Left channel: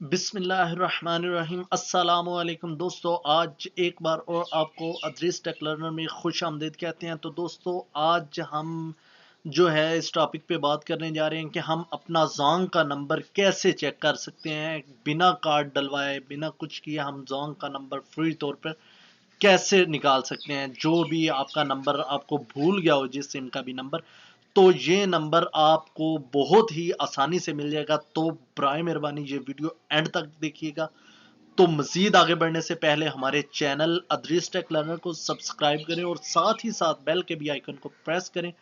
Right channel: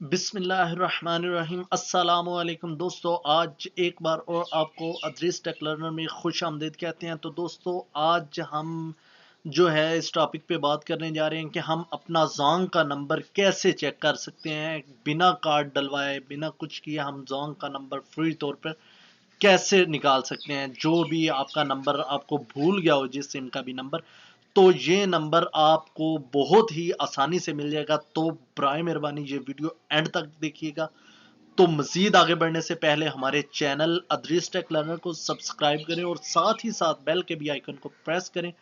बिस्मिल्लाहिर्रहमानिर्रहीम अस्सलामुअलैकुम दोस्तों, आज एक बार और आपको अदरीस टेक लर्नर में खुश आमदीद कहते हैं। तो दोस्तों, आज हम जो है इस टॉपिक पे बात करने जा रहे हैं कि हम अपना जोंग का नंबर कैसे चेक कर सकते हैं। बिना कार्ड डलवाए, बिना कुछ किए हम जोंग का नंबर फ्री तौर पर कैसे निकाल सकते हैं। जो भी आपका नंबर आपको भूल गया हो, जिस सिम का भी नंबर, तो ये नंबर आपको बहुत ही आसानी से मिल जाएगा। तो बराए मेहरबानी ये वीडियो एंड तक देखिएगा। तो मजीद आगे बढ़ने से पहले हमारे चैनल अदरीस टेक लर्नर को सब्सक्राइब करें और साथ ही साथ बेल के भी आइकन को प्रेस करें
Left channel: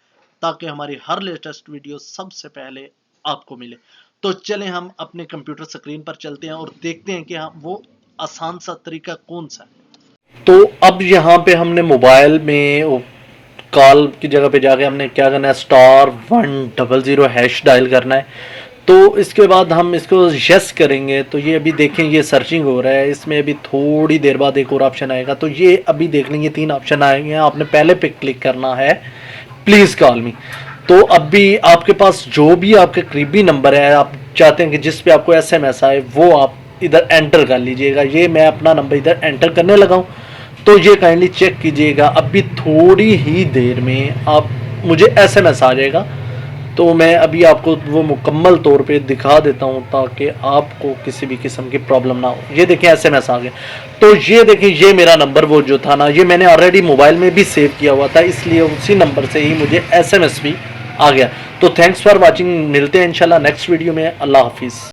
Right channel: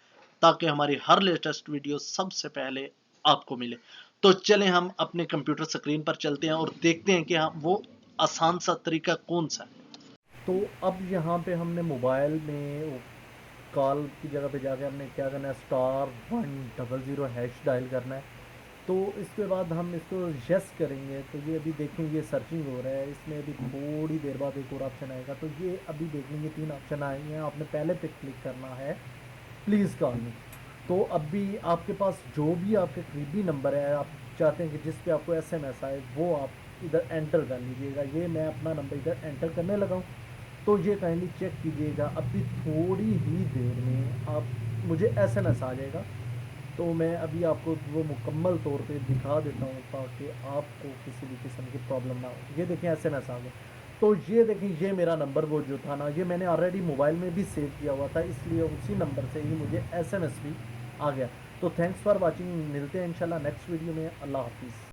ताकि हमारी हर लेटेस्ट वीडियो सबसे पहले आपको मिले। तो चलें हम अपने कंप्यूटर स्क्रीन पर चलते हैं और देखते हैं कि हम वो आसान सा तरीका कौन सा है। तो अब यहाँ पे हमने मोबाइल में कॉल की जगह पे जाके हमने क्या करना है, *100# डायल करना है। तो इसके बाद हम इसको यस करेंगे। तो ये अभी देखें, ये सर्चिंग हो रहा है। इसमें अभी थोड़ी देर बाद एक और ऑप्शन आएगा। तो ये अभी देख लेंगे 3 ऑप्शन आएंगे। आपने पहले पे क्लिक करना है, प्लीज़ कॉल मी। तो अभी आपके पास जो भी आपके करीबी नंबर है, आप चाहते हैं कि जिस पे आपको SMS आए, वो आप इधर एंटर कर लीजिएगा। ये मैं अपना नंबर इधर एंटर करने लगा हूँ। तो ये काइंडली चेक कीजिएगा, अभी थोड़ी ही देर में आप मुझे SMS आ जाएगा। तो मैं अभी आपको वो मुकम्मल तौर पे दिखा देता हूँ ताकि आपको किसी भी किस्म की प्रॉब्लम ना हो। ये देखें, SMS आ गया। तो ये देखें, ये मेरा नंबर वो जो था ना, ये मैंने ऑलरेडी मोबाइल में भी सेव किया हुआ था, इसलिए उसी नंबर से ही मुझे SMS भी आ गया। तो थैंक्स फॉर वॉचिंग, मिलते हैं इंशाल्लाह नेक्स्ट वीडियो में। अल्लाह हाफिज़।